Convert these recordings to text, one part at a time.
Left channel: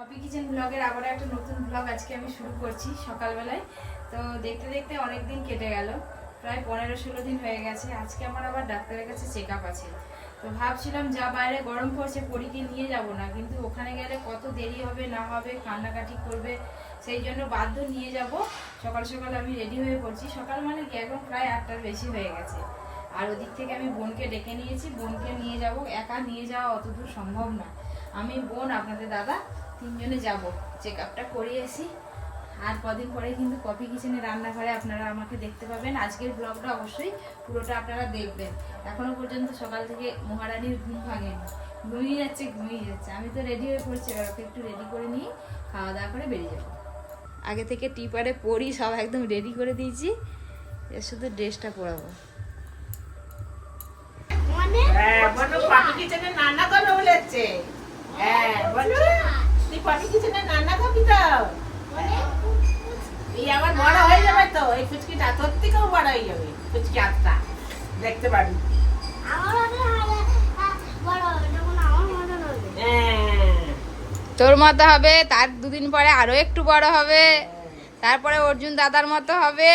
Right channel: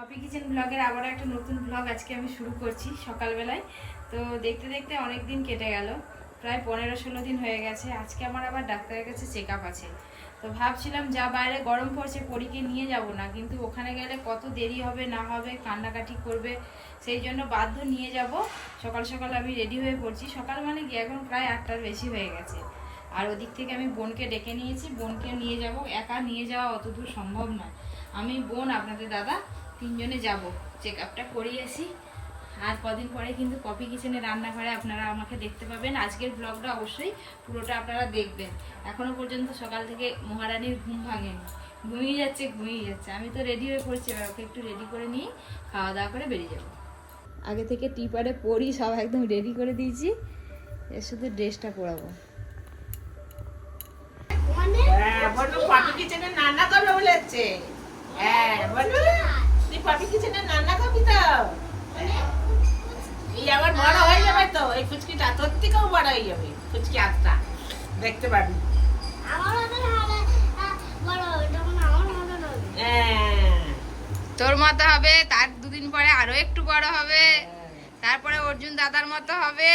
Copy kitchen ব্লগের আবারও একটা নতুন ব্লগ আজকে আমি শুরু করছি সকালবেলায়। তো দেখতে দেখতে অনেক দিন কেটে গেল, প্রায় পনেরো ষোলো দিন হয়ে গেছে। আজকে আমার আবার ডাক্তারের কাছে চেক আপ আছে। তো ভাবছিলাম যা বাইরে গরম পড়ছে পরীকে নিয়ে যাব না, কিন্তু ওখানে গেলে কত দেরি হবে, না হবে, কান্নাকাটি করবে, সেই জন্য বাধ্য নিয়ে যাব। সকাল সকাল আমি রেডি হয়ে পড়ছি। সকাল মানে গিয়ে এখন প্রায় আটটার বেশি হয়ে গেছে। আর ওদিক থেকে আমি বোনকে ডেকে নিয়েছি। বোনকে নিয়ে যাব। একা নিয়ে যাওয়া অত দূর সম্ভব না। আমি বোন, আপনাদের দাদা তিনজনে যাব। চেক আপটা করিয়ে আসি। আর কদিন পরে কিন্তু কফি কিচেনে রান্নাঘরে আপনারা আমাকে দেখতে পাবেন। আজকের ব্লগটা অবশ্যই পুরোটা আপনারা দেখবেন। এখনও পর্যন্ত সকাল থেকে মহারানীর ঘুম ভাঙেনি। ঘুমিয়ে যাচ্ছে ঘুমিয়ে যাচ্ছে। আমি তো রেডি হয়ে পড়ছি এবার ওকে একটু রেডি করে নিয়ে খাওয়া দাওয়া করে বেরিয়ে যাব। আগে থেকে টিপারে পরি সব একদম রেডি করে দিয়েছি। এর শুধু ড্রেসটা পরাবো। হ্যাঁ বলো পাপি কিচেনে রান্না করবে বলেছে হ্যাঁ বলো। তুই তো হ্যাঁ। এই আবার বড় হয়ে যাবে তো এই ফুচকিটা তোর থেকেও বড় হয়ে যাবে ফুচকি আটটা দেখতে পাবি। হ্যাঁ। তোর মতো হবে তার দুদিন পরে আরও একটু বড় হবে তারপরে অর্জুন দাদার মতো হবে।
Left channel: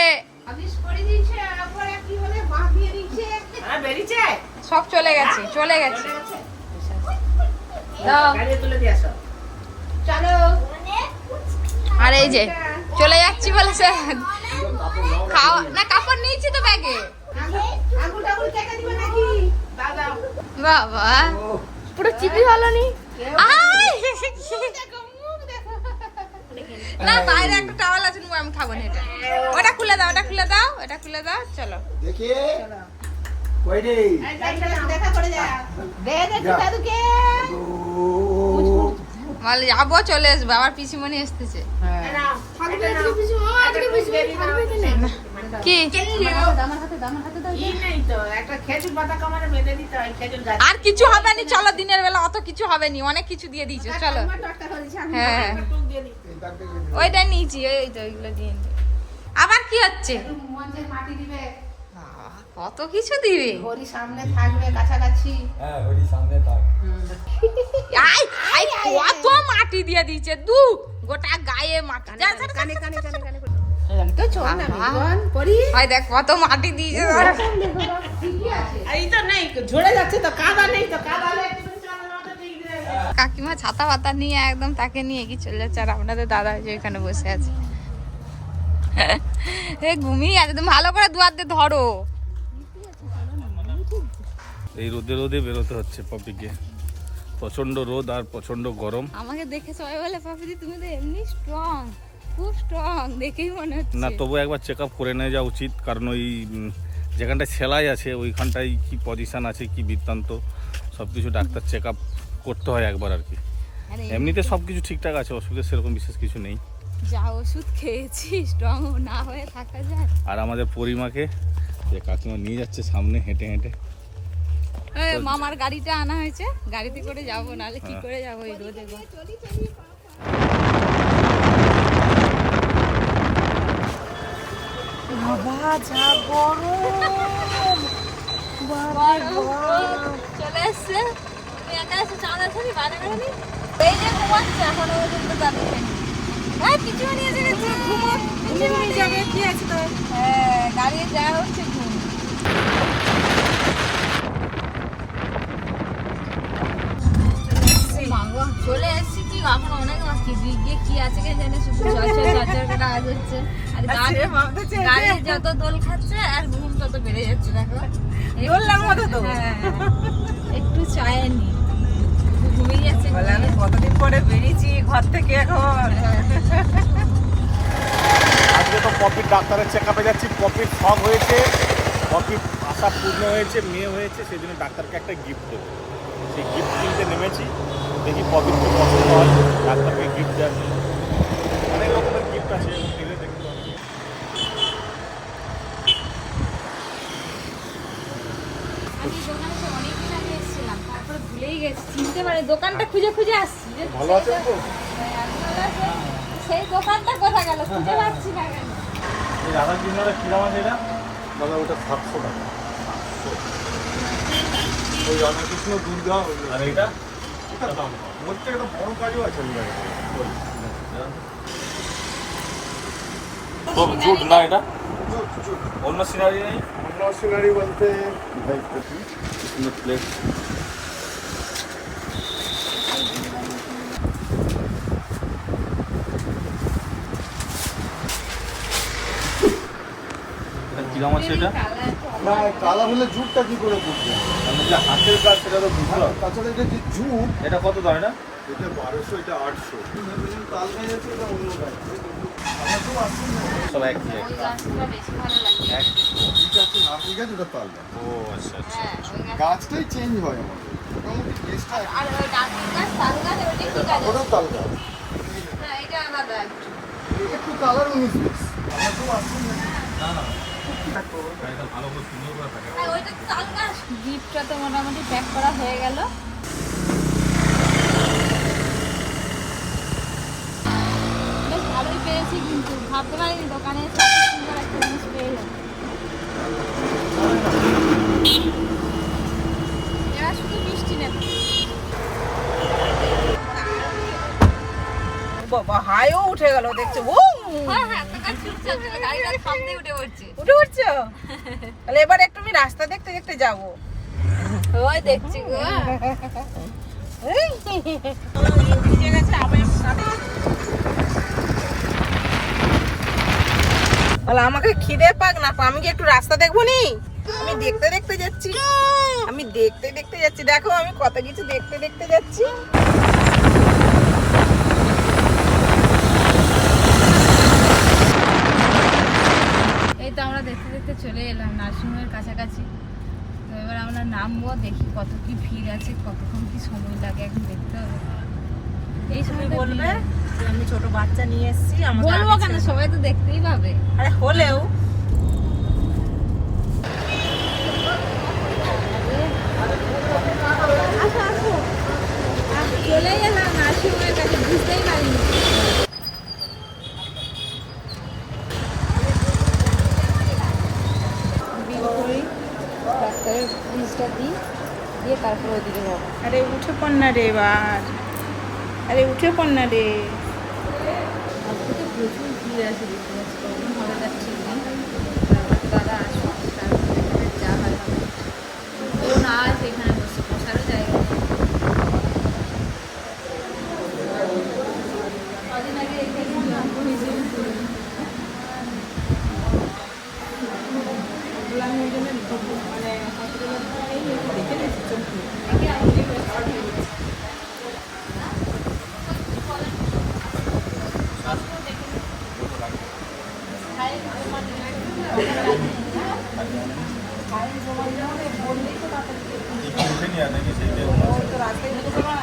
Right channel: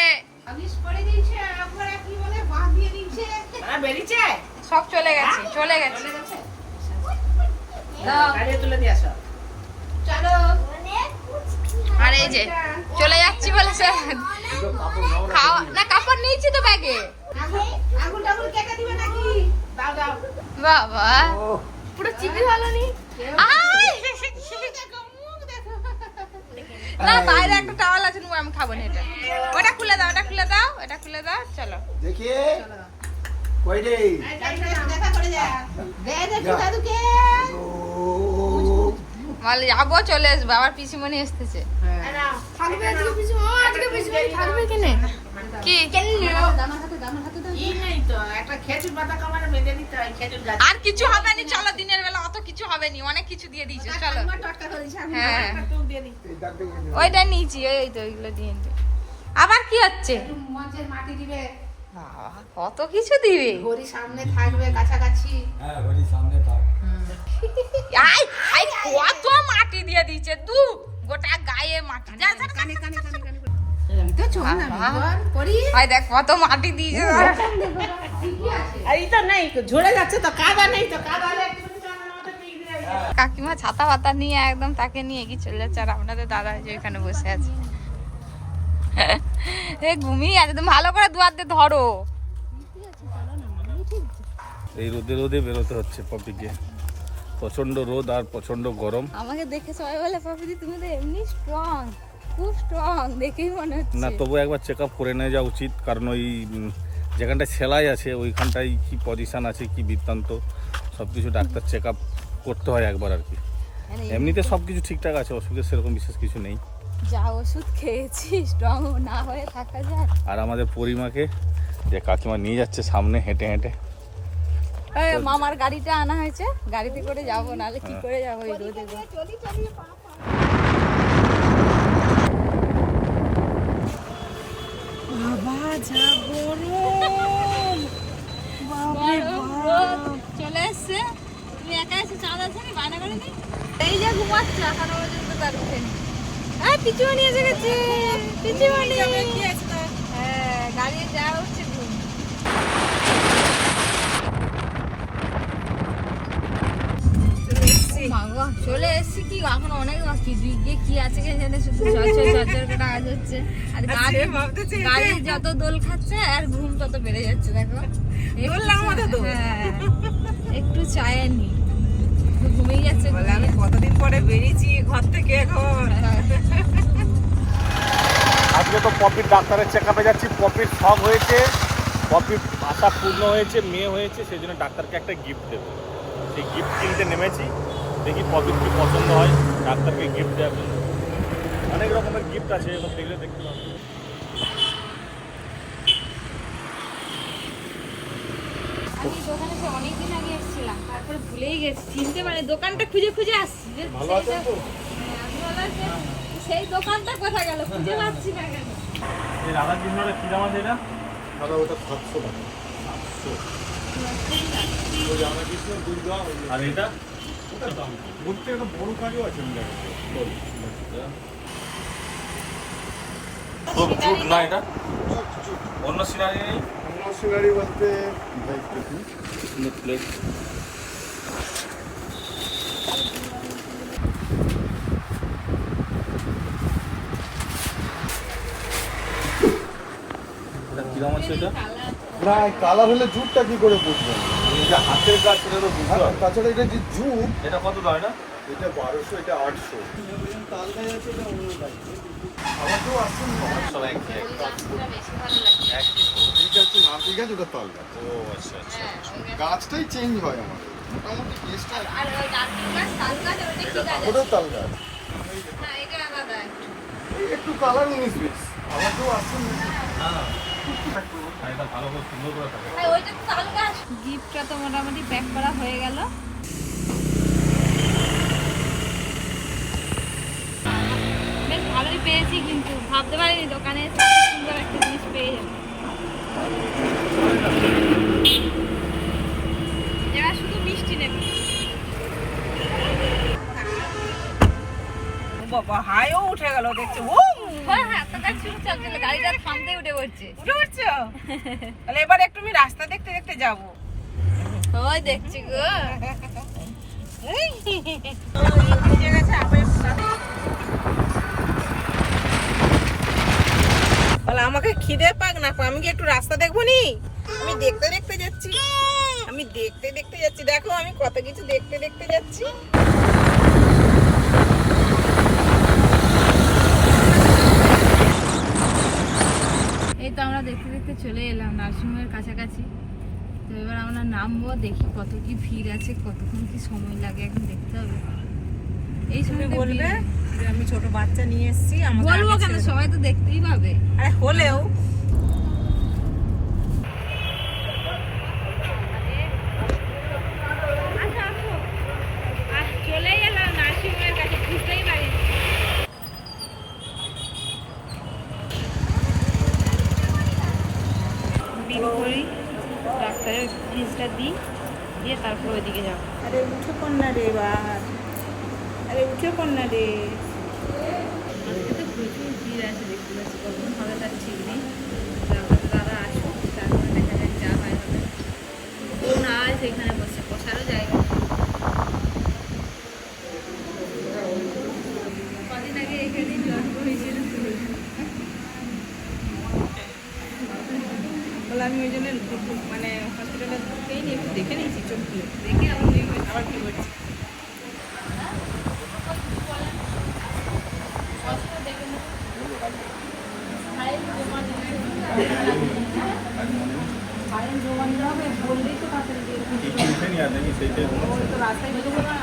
হ্যাঁ, সব চলে গেছে চলে গেছে। তুলে দিয়ে চলো। আর এই যে চলে যাচ্ছি বলে স্যার খাওয়া না কাপড় নিয়েছি তো ব্যাগে। বাবা পুরো চিপি ভালো নি? না বাইরে একটা টাওয়াল আছে আমি খাব না এটা। ওটা খুলে দাও ওটা খুলে দাও ওটা খুলে দাও চলো। দেখি। কই রে? দেখা করে যা। দে দে দাদুকে বলে যাব চলে আসব, আবার পিসিমণি গাছ আর কিছু হবে না, চলো, দিনের বেলা অত কিছু হবে নি, অনেক কিছু দিয়ে দিয়েছে, চলো। হ্যাঁ। ওইটা নিয়েছি, ওই তো, ওইগুলো দিয়ে আবার কি হচ্ছে? মাটি দিবে কত কিছু দিবে? হরি সামনে থাকবে কাছাকাছি। হ্যাঁ হরি সামনে থাক। আই আই কত মাটি দিয়ে দিয়েছে দু গোটা গায়ে মাটি। যা কানে কানে কানে দেখ কত মাটি দিয়েছে কাকিমা ছাতা পাতা নিয়ে একদম তাকে নিয়ে চলে যাচ্ছে আর আপনাদের দাদা ওইখানে বসে আছে। ঘুমিয়ে আছে তুমি ভালো করে দুয়ার দিয়ে ধরো। এই রোদে রোদে বেরোতে হচ্ছে পপিকে। প্রচণ্ড রোদ আর প্রচণ্ড গরম। আমাকে দেখে সবাই বলে পাপিদি তুমি তো এমনি স্ট্রং খুব স্ট্রং দেখেই মনে হচ্ছে। না তবু একবার চেক আপ করে নেওয়া যাওয়া উচিত কারণ ওই যেখানটায় সেলাই আছে ওইখানটায় কি পজিশন আছে কি বৃত্তান্ত সব কিছু ডাক্তার চেক আপ করতে হয় একবার আর কি। এমনিতে সব কিছু ঠিকঠাক আছে অসুবিধা সেরকম বিশেষ কিছু নেই। যা ওষুধ খেয়েছি স্ট্রং না হয়ে থাকা যায়। আর আমাদের পরিমাকে যে কাকিমা নিয়ে যাচ্ছে সামনে হেঁটে হেঁটে। মামার গাড়িটা আনা হয়েছে গাড়িতে করে যাব নাহলে কি হ্যাঁ। করে যাব এই রোদে বাবা যা গরম। বাপ। চলে এসছে। তুমি একা এসে চাঁদা থাকি বানে করে এই যে ঘুমাচ্ছে এখন পর্যন্ত তার উঠেনি হ্যাঁ কিছু নিয়ে যাবে কিছু নিয়ে যাবে কি আছে তো হ্যাঁ দাঁড়িয়ে যাওয়া হচ্ছে ঘুম। চলে এসেছি। কি? এখন অনেক বাকি দিকে কি আছে কে জানে? শুধু হচ্ছে। আর গাড়ি গাড়ি যত দোল খাচ্ছে আর ঘুম তত বেড়ে যাচ্ছে দেখো। দোলনার মতো তো। হ্যাঁ, একটু চায়নি আমি কতদিন পরে বেরিয়েছি ঘর থেকে এখন। আজকে তো পপির ডাক্তারের চেক আপে যাচ্ছি পপির শখ হয়েছে পপির আশা পূর্ণ হয়েছে মেয়ে হয়েছে সেই জন্য ডাক্তারকে একটা গিফট দেবে। সেই গিফট কিনতে নেমেছি দেখি পপির কি পছন্দ হয় ডাক্তারকে গিফট দেওয়ার জন্য। অনেক রকমের গিফট আছে এবার দেখলে দেখতে পাবেন আমি দোকানে অনেকদিন আগে এসেছিলাম। তারপরে ভুলেই গেছি। চিনতে মানে দোকানটা খুঁজে খুঁজে আসছি। যে হ্যাঁ, সেই দোকানটা কোথায় গেল? খুঁজে পাচ্ছি না কেন? রাধা কৃষ্ণরা কি দাম এটা? ওটা সাতশো আর এটা বলতে গেলে বড় না এটা? অন্য সিনারি অন্য সিনারি বলতে প্লেস আছে এটা না কালার হলে জুটটা কি করে বুঝবেন? মানে যে হাতের কাজ সেটা তো বুঝলাম। তাছাড়া এটা যে জুট? এটা কত দাম এটা এটা বারোশো এটা আটশো। আচ্ছা আচ্ছা। গাছটাই চেঞ্জ হয় আমাদের মোটামুটি কেসটা? ওটাও তাল গাছ একটু কালার উনিশ বিশ। আমার তো আসুন না না। ওইটা তো মোটামুটি প্যাক করা হয়ে গেল। বেশ ভালোই পেয়েছি কিন্তু, ভাবতে পারিনি দোকানে সুন্দর একটা জিনিস পেয়ে যাব। শুধু মিষ্টি নেবে। বাবা হাইও উঠে গেল, দেখছ? ও! হ্যাঁ হ্যাঁ আপনার কাছে চলছে গাড়িটা থামতে উঠে পড়ছে। উঠে উঠছো তাহলে এবার একটু আমি রাস্তা দেখতে দেখতে যাব। ওই দেখছি গো। ভিজে গেছে আবার বলে আমাকে খিদে পাক না আমি কি একটু রাস্তা দেখব নি? আমি দেখতে দেখতে যাচ্ছি। আমি দেখতে দেখতে যাচ্ছি। দেখো আমি কত কিছু দেখতে দেখতে যাচ্ছি। তো আমরা দেখতে দেখতে চলে এলাম নার্সিংহোমের কাছাকাছি। তো এবার আমরা নামবো দেখি কত কি ভিড় আছে কতক্ষণ কি সময় লাগে এখন দেখতে হবে। এই সময় বলবে যে আমি ছোট বাচ্চা নিয়ে এসেছি বলব কেন? সবাই তো দেখতেই পাবে। আরে হলেও আসো আসো আর চলে গেলাম নার্সিংহোমের কাছে বুঝতেই পারিনি বিল করি ডাক্তারের ফিসটা দিই দিয়ে তারপর ওইদিকে যাব। আরে উঠে পড় না রে এবার। আরে উঠে পড় না রে। আজকে তো প্রচুর ভিড় আছে দেখতে পাচ্ছি কখন হবে তার ঠিক নেই। দাদা আসুক তারপর দেখা যাক যা হয় হবে। ও না আছে এখানে বসে বসারও জায়গা কদিন আগে এখানে জন্ম হয়েছিল বলে আমি ওই জন্য মানে হসপিটালে এই একটু দেখে নিয়েছি চোখ খুলে। দেখে আমি আবার ঠিক বলছি উঠে নিয়ে আসে সেইটাই তো রাস্তায় বেরিয়ে যাবে না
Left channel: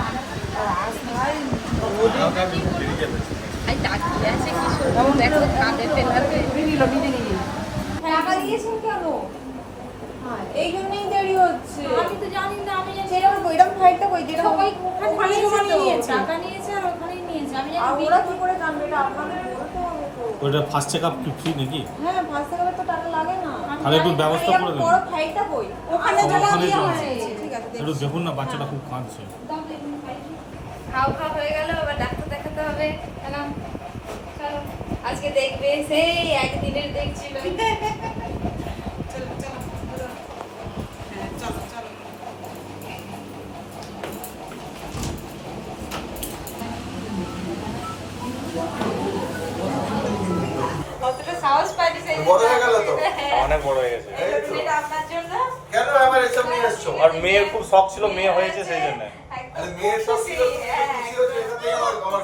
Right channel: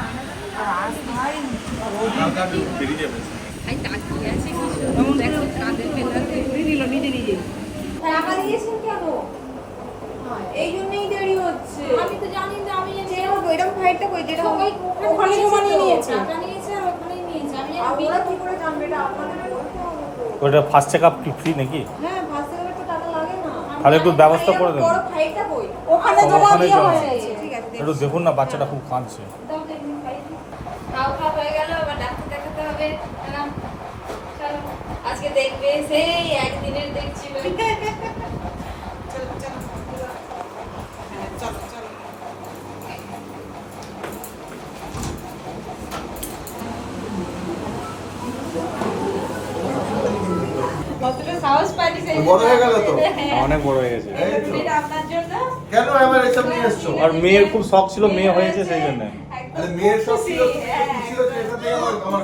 রাস্তায় বেরিয়ে যাবে আই তাকিয়ে আছে কি সুন্দর দেখো কাঁধে ফেলাতে নিল নিজে নিজে টাকা দিয়েছেন কেন এই জন্যই দেরি হচ্ছে আমি তো জানি না আমি জানি যেরকম এরকম ফাইলটা কই যেটা সবাই ওখানে জমা নিয়ে নিয়েছে টাকা নিয়েছে আর ওখানেই নিয়েছে আমি আর জানি ওরা কি করে জানবে এটা আপনাদের বলতে হবে তো। ওটা ফার্স্ট চেকআপ কি ফ্রি নাকি? হ্যাঁ ফার্স্ট তো টাকা লাগে না। তাহলে একটু ব্যবস্থা করে দেবেন বড় ফাইলটা কই ওখানে দিয়ে হয়েছে ঠিক আছে একটু দেখুন না বাচ্চাটা খুব কাঁদছে। হয়ে গেল আবার ডাক্তার দেখাতে হবে। আজকে দেখবে সেই একদিনের দেখছিল চলো চলো হ্যাঁ চলো চলো কতটা সাহস পাইনি সেই বড় হয়ে গেল তো। অনেক বড় হয়ে গেছে। এই তো। এটা আপনার জন্য? কেন এবার এসব নিয়ে এসছো? আর মেয়ের খুব শখ ছিল মেয়ে হয়েছে সেই জন্য আরে মেয়ের ছিল এটাতেই আমার আমার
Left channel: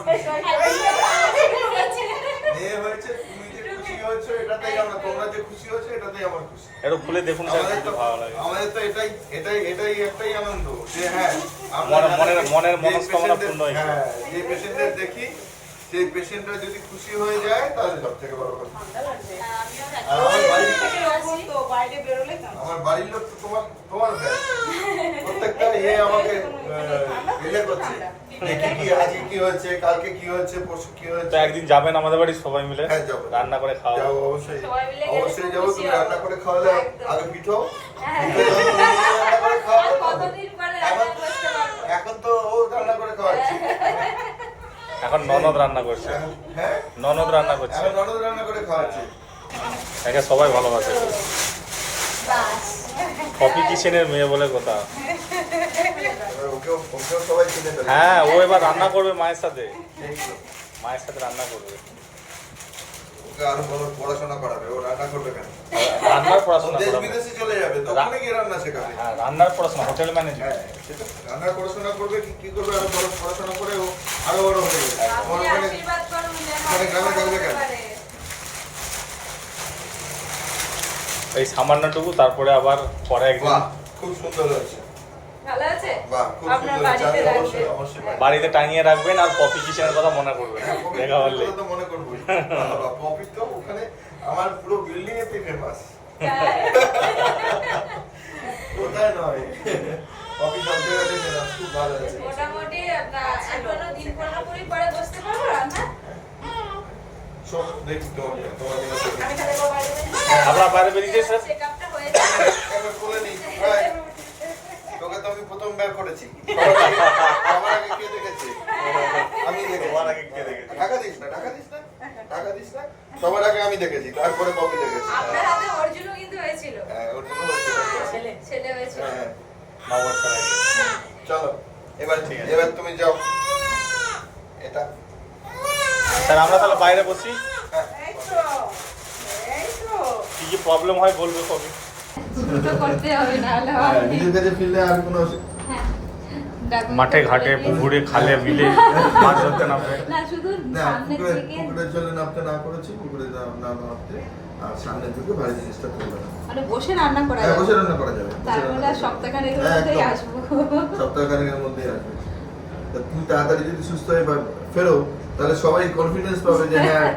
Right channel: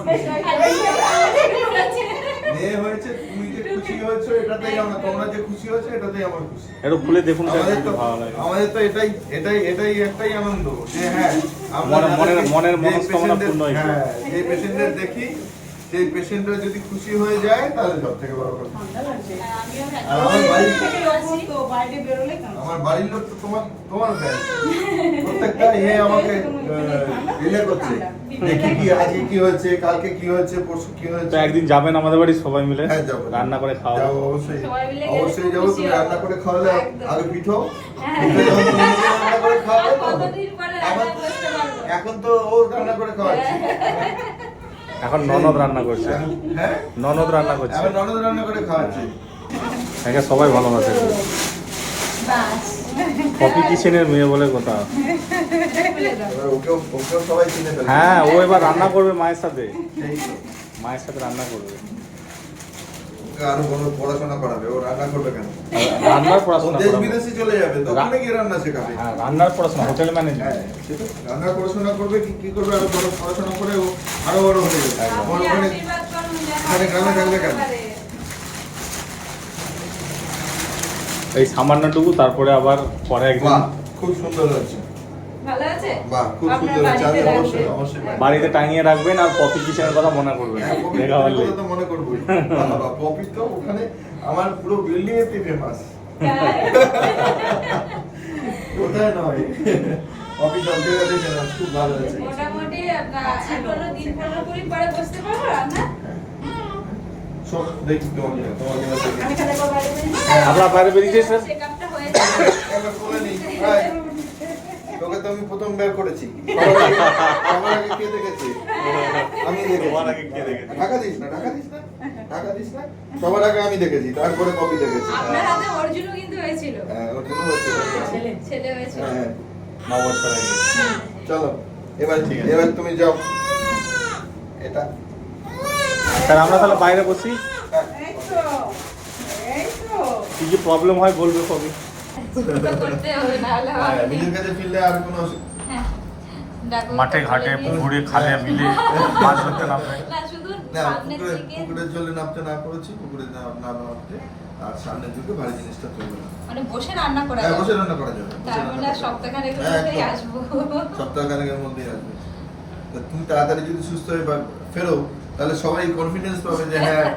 মেয়ে হয়েছে। তুমি যে খুশি হয়েছো এটাতেই আমার তোমরা যে খুশি হয়েছো এটাতেই আমার খুশি। একটু খুলে দেখুন আমাদের তো ভালো লাগে। আমাদের তো এটাই এটাই এটাই একটাই আনন্দ যে হ্যাঁ আমরা মনে- মনের-। হ্যাঁ যে পেশেন্টের দেখি সেই পেশেন্টরা যদি খুশি হয়ে যায় তাহলে সব থেকে বড় কথা। আমার বাড়ির আমার বাড়ির লোক তো তোমার তোমার প্রত্যেকটা ইয়ে আমাকে রিলে করছে। দেখি কি আজকে কি হয়েছে কালকে কি হয়েছে পরশু কি হয়েছে। একদিন যাবেন আমাদের বাড়ি সবাই মিলে। হ্যাঁ, যাব। রান্না করে খাওয়া অবশ্যই। অবশ্যই যাব তুমি রান্না করে খাওয়ালে আগে পিঠো হ্যাঁ। রান্না করে খাওয়াবে এখন তো ও রান্না করে খাওয়াচ্ছে। এখন ননদ রান্না করছে। হ্যাঁ? ননদ রান্না করছে। এখন ননদ রান্না করে খাওয়াচ্ছে। একে সবাই ভালোবাসে। পপি কিচেনের মেয়ে বলে কথা। হ্যাঁ ও এবার রান্না করবে মায়ের সাথে। মায়ের সাথে রান্না করবে। আরও পড়াশোনা করাবে? ও রান্না করবে কেন? রান্নার পড়াশোনা দেশ করবে। বিদেশে চলে যাবে তো ওখানে গিয়ে রান্না শেখাবে। হ্যাঁ, রান্নার পড়াশোনা হোটেল হ্যাঁ, ম্যানেজমেন্ট রান্নার পড়াশোনা করবে কি কি করবে আরও বড় পড়াশোনা করে ও আরও বড় হয়ে যাবে। আমার ওখানে ওখানে গ্রামে থাকবে কেন? এই সামান্যটুকু তারপরে আবার পরে একদিন বাহ খুব সুন্দর হচ্ছে বাড়িতে টাঙিয়ে রাখবেন আর পপি কিচেনের কথা মনে করবেন। হ্যাঁ। কথা মনে করবোই। বাবা, পপি তো ওখানে আমার পুরো বিল্ডিং এর ফেমাস কোথায় নয়? পপি সব জায়গাতে খুব ভালো আছে। মোটামুটি আপনার দিন পরে বসতে পারব রান্না আপনার? বাইরে বেরিয়েছে স্যার। তোকে তো আমি প্রথম বের করেছি। সবার আগে কে দেখেছে? আমি দেখেছি। ঢাকা দিস না ঢাকা দিস না ঢাকা দিস না। সবার আগে আমি দেখেছি তারপরে কপি দেখেছি। আপনার হাতে অর্জুনও কিন্তু হয়েছিল। হ্যাঁ, ছেলে হয়েছিল। হ্যাঁ, চলো এবার এবার তুমি যাও। এটা। স্যার আমরা তাহলে বাইরে বসি। কি কি প্রবলেম হয় বলব কবে? তো করতে হবে না হলে হ্যাঁ, হবে না। নিজের কাছে ফিরলে আর কোনো অসুবিধা হ্যাঁ। মাঠে ঘাটে পুকুরে খালে বিলে মাছ ধরতে না শুধু সামনের দিকে পুকুরের জলে নামতে না করেছি পুকুরে নামতে আর সামনের দিকে ভারী জিনিসটা তুলবে না মানে বসে রান্না করা হ্যাঁ যাবে বসে রান্না করা যাবে যাবে। সপ্তাহখানেকের হ্যাঁ, মধ্যেই। আসব সপ্তাহখানেকের মধ্যেই আসবে তুমি তাড়াতাড়ি যদি সুস্থ হয়ে বা ফেরো তাহলে সবাই কনফিডেন্স পাবে যে হ্যাঁ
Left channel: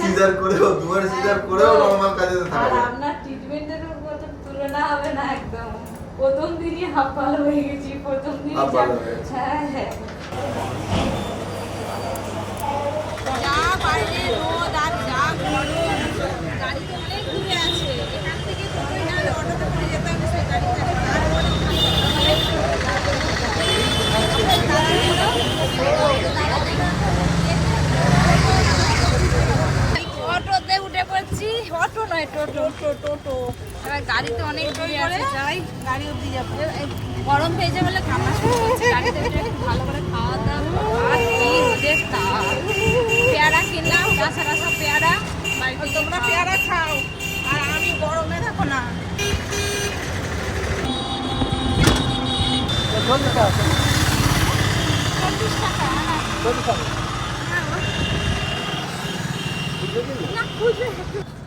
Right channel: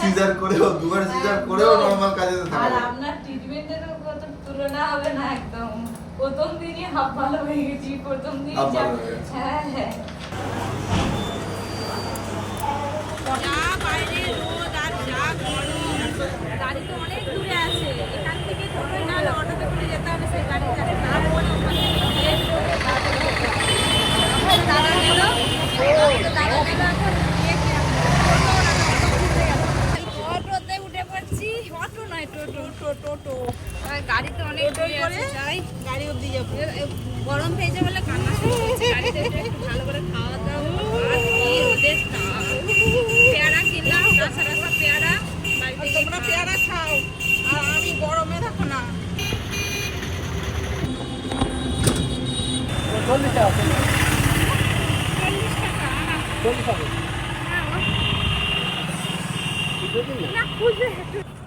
সিজার করেও দুবার সিজার করেও নরমাল কাজে আর আপনার ট্রিটমেন্টের মতো তুলনা হবে না একদম। প্রথম দিনই হাফ ভালো হয়ে গেছি প্রথম দিনই হাফ ভালো হয়ে গেছে। হ্যাঁ হ্যাঁ। যা বাইরে রোদ আর যা গরম গাড়ি তো অনেক দূরে আছে এখান থেকে টোটোই না হলে অটোতে করে যেতে হবে সেই গাড়িতে তারপরে ওখান থেকে গিয়ে তারপরে যেতে হবে আমরা তাড়াহুড়ো আমাদের তাড়াহুড়ো এখন গিয়েছি আমরা। টোটো না না, অটো খুঁজতে গেল অটোতে উঠে পড়ছি অটো নয় টোটো টোটো টোটো গাড়িতে অনেক দূরে আছে যাই গাড়ি অব্দি যাব গরম পেয়েছে বলে কান্না শুরু করছে গাড়িতে উঠে একটু ভালো করে খাওয়া দাওয়া আর কি রোদের তাপ পেয়ারা কিনলাম তাছাড়া সব পেয়ারা বাড়িতে তোমরা পেয়ারা খাও আর আমি গরমে থাকো না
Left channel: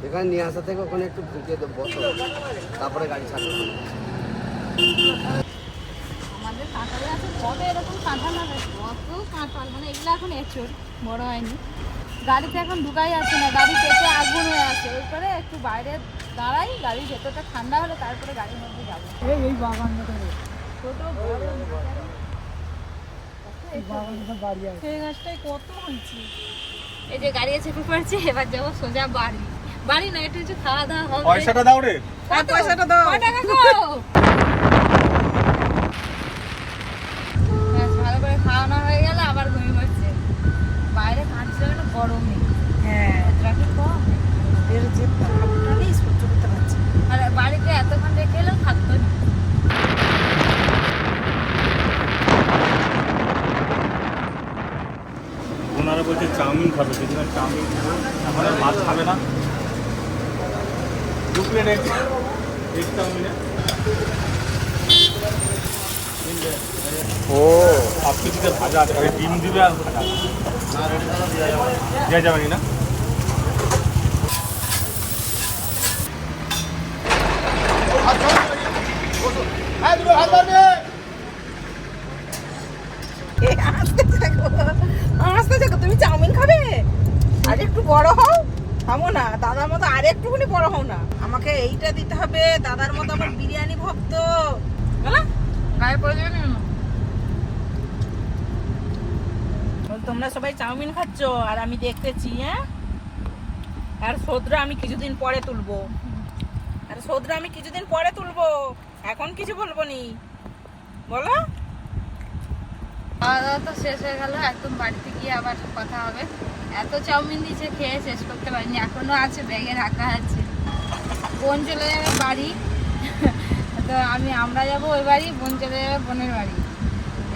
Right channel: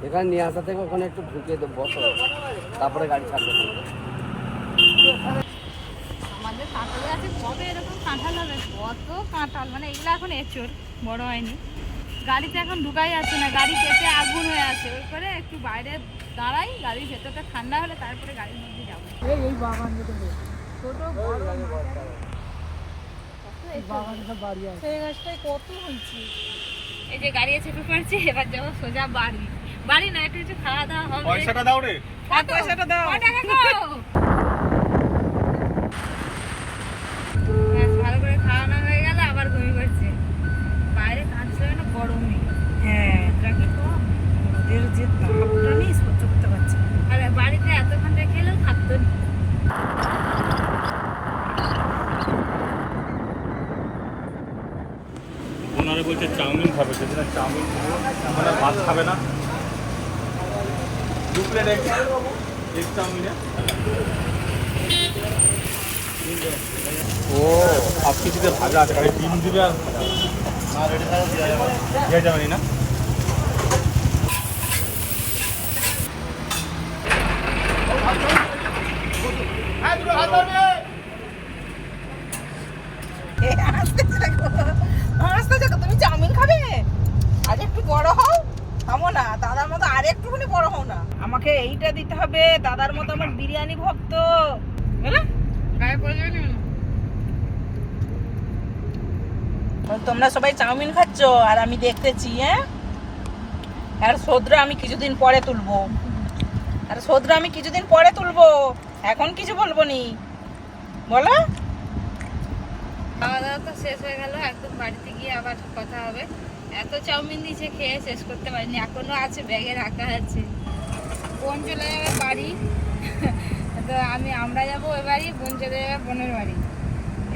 এখানে নিয়ে আসা থেকে ওখানে একটু ঢুকিয়ে দেবো বসো। তারপরে গাড়ি ছাড়বে। আমাদের কাঁঠাল কবে এরকম কাঁঠাল হবে? কত কাঁঠাল মানে এগুলো এখন এচোর বড় হয়নি। গাড়িতে এখন ঢুকাই যাচ্ছে না গাড়ি পেটে আগুন হয়ে আছে। ওই করে একটু বাইরে দাঁড়াই গাড়ির ভেতরটা ঠান্ডা হলে তারপরে গাড়ির মধ্যে যাব। এই বাগান ছোট বড়। সেই কত হয়েছে এই যে গাড়ি চেপে পড়ছি এবার যাব সোজা বাড়ি। বাড়ি না একটু কিছু খাওয়া দাওয়া হবে পয়সাটা দাও রে। পয়সাটা দাও। টাকা ওনারা বলছে চাউমিন খাবে সেজন্য চাউমিন খাব। এখন আর ভাত খাবে না। দু প্লেট এক এক চাউমিনে। ও সব কিছুতে ভাজা ডিম দিবে আর ভাজা আছে। দেওয়া যাবে না? খাব না দাদার মতো আর একটুখানি বড় হও না। আমাকে এইটা দিতে হবে দাদার মতো আমার বিরিয়ানি ভক্ত। গায়ে পড়ে যাবে তোমরা সবাই চাউমিন খাচ্ছ? আর আমি দেখতেছি হ্যাঁ? আর সদ্রা আমি কিছুদিন পরে তুলবো। আর সদ্রা আমি কিছুদিন পরে তুলবো। এখন কিছু বলব নি। বলো। খাওয়া দাওয়া তো শেষ হয়ে গেল একদম বাড়িতে গিয়ে আবার কথা হবে। এত চাউমিন দিয়েছে খেয়ে শেষ করতে পারিনি এখনও আছে ব্যাগে রাখা আছে। বোন চলে যাবে বাড়ি। তো আমি আমরা যাব ওই বাড়ি বোন চলে যাবে বোনের বাড়ি।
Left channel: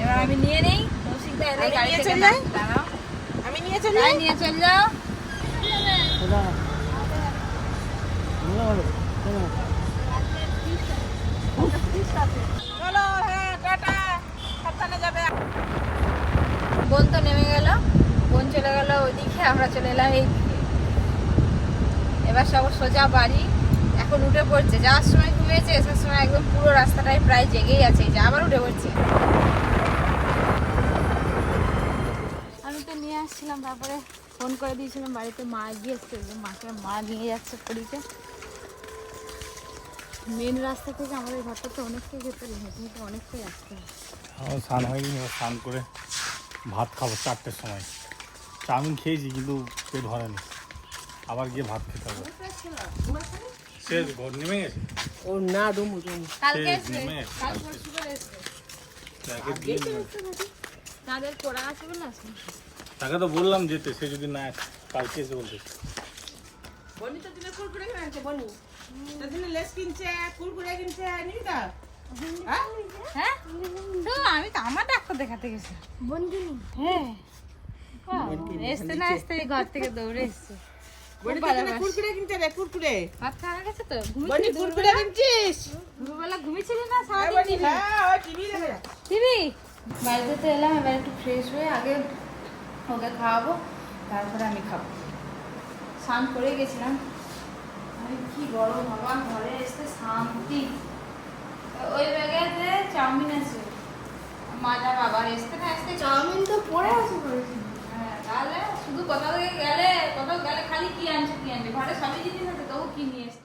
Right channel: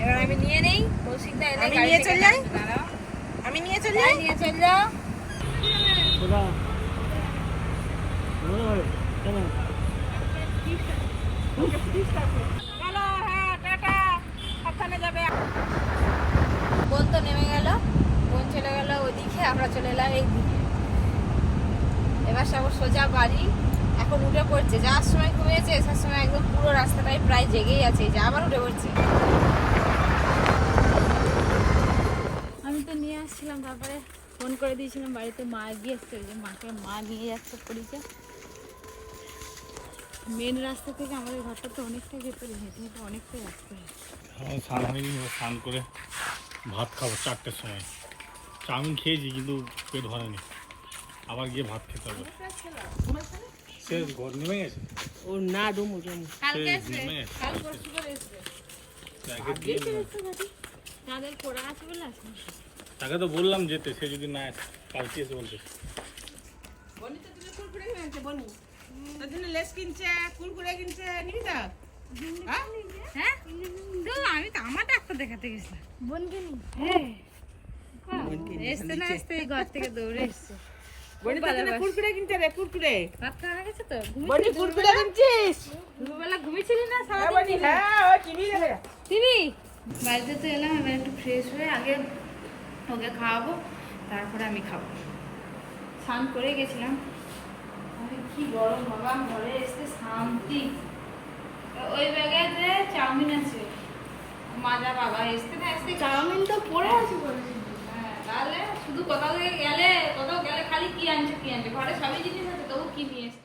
এবার আমি নিয়ে নেই কৌশিকদা এলে আমি গাড়ি নিয়ে থেকে চলে যাও দাঁড়াও। আমি নিয়ে চলে যাই যাই? নিয়ে চলে যাও চলো হ্যাঁ টাটা সাবধানে যাবে বোন তো নেমে গেল বোন চলে গেল ওইদিকে আমরা চলে এলাম এই দিকে। এবার সব সোজা বাড়ি। এখন উঠে পড়ছে। যাওয়ার সময় ঘুমিয়েছে আসার সময় একদম পুরো রাস্তাটাই প্রায় জেগেই আছে। যে আবার উঠে পড়ছে। আমি তো নিয়ে আসছিলাম তারপরে ফোন করে দিয়েছিলাম বাড়িতে মা গিয়েছে মাকে মা নিয়ে যাচ্ছে পুরীতে। মেন রাস্তা থেকে আমাদের ঘরটা তো অনেকটাই ভেতরে হেঁটে হেঁটে অনেকটাই আসতে হয়। স্নান হয়নি স্নান করে ভাত খাব চারটের সময়। চাউমিন খেয়েছি কিন্তু পেট ভরেনি। আবার গিয়ে ভাত খেতে হবে। সে ঘর নেমে গেছে? ও না ডুমু ডুমু কালকে সেই কাল পরশু করে এসবে তাকে তাদের পড়া আছে বলে আসবে তাকে তো বললাম যেতে সে যদি না আসে, কালকে এসে বলতে। বনি কুরকুরে কিনছে বনি। লেস কিনছে কুরকুরে কিনছে নিবি তো হ্যাঁ? হ্যাঁ? তো আমি তো আমার ডাক্তার দেখাতে গেছি হ্যাঁ না এসতে ঘর থেকে দৌড়ে এসছে। বনি তোর জন্য কুরকুরে কিনছে রে কুরকুরে। ভাত খাওয়া গেছে তো? বনি কুরকুরে কিনছিস? দুপুরবেলা ঘুমিয়েছিলি না? হ্যাঁ বনি হ্যাঁ ওই টিভি দেখে দিদি বাড়িতে তো এলাম এবার একটু ফ্রেশ হয়ে আগে ওকে খাওয়াবো তারপরে আমি খাব। স্নান করে গেছিলাম। আমি কি গরম বাবা ঘরে এসে শান্তি। ওই ব্যাগে চাউমিন আছে। মাজা বাবা এসতে না এসতে চাউমিন তো পড়ে আছে হ্যাঁ তাহলে শুধু কোথাও গেলে কোথাও গেলে খালি কি আনছে কি আনছে ঘরে সবই জিনিস আছে, তবু কি নিয়ে এসছে?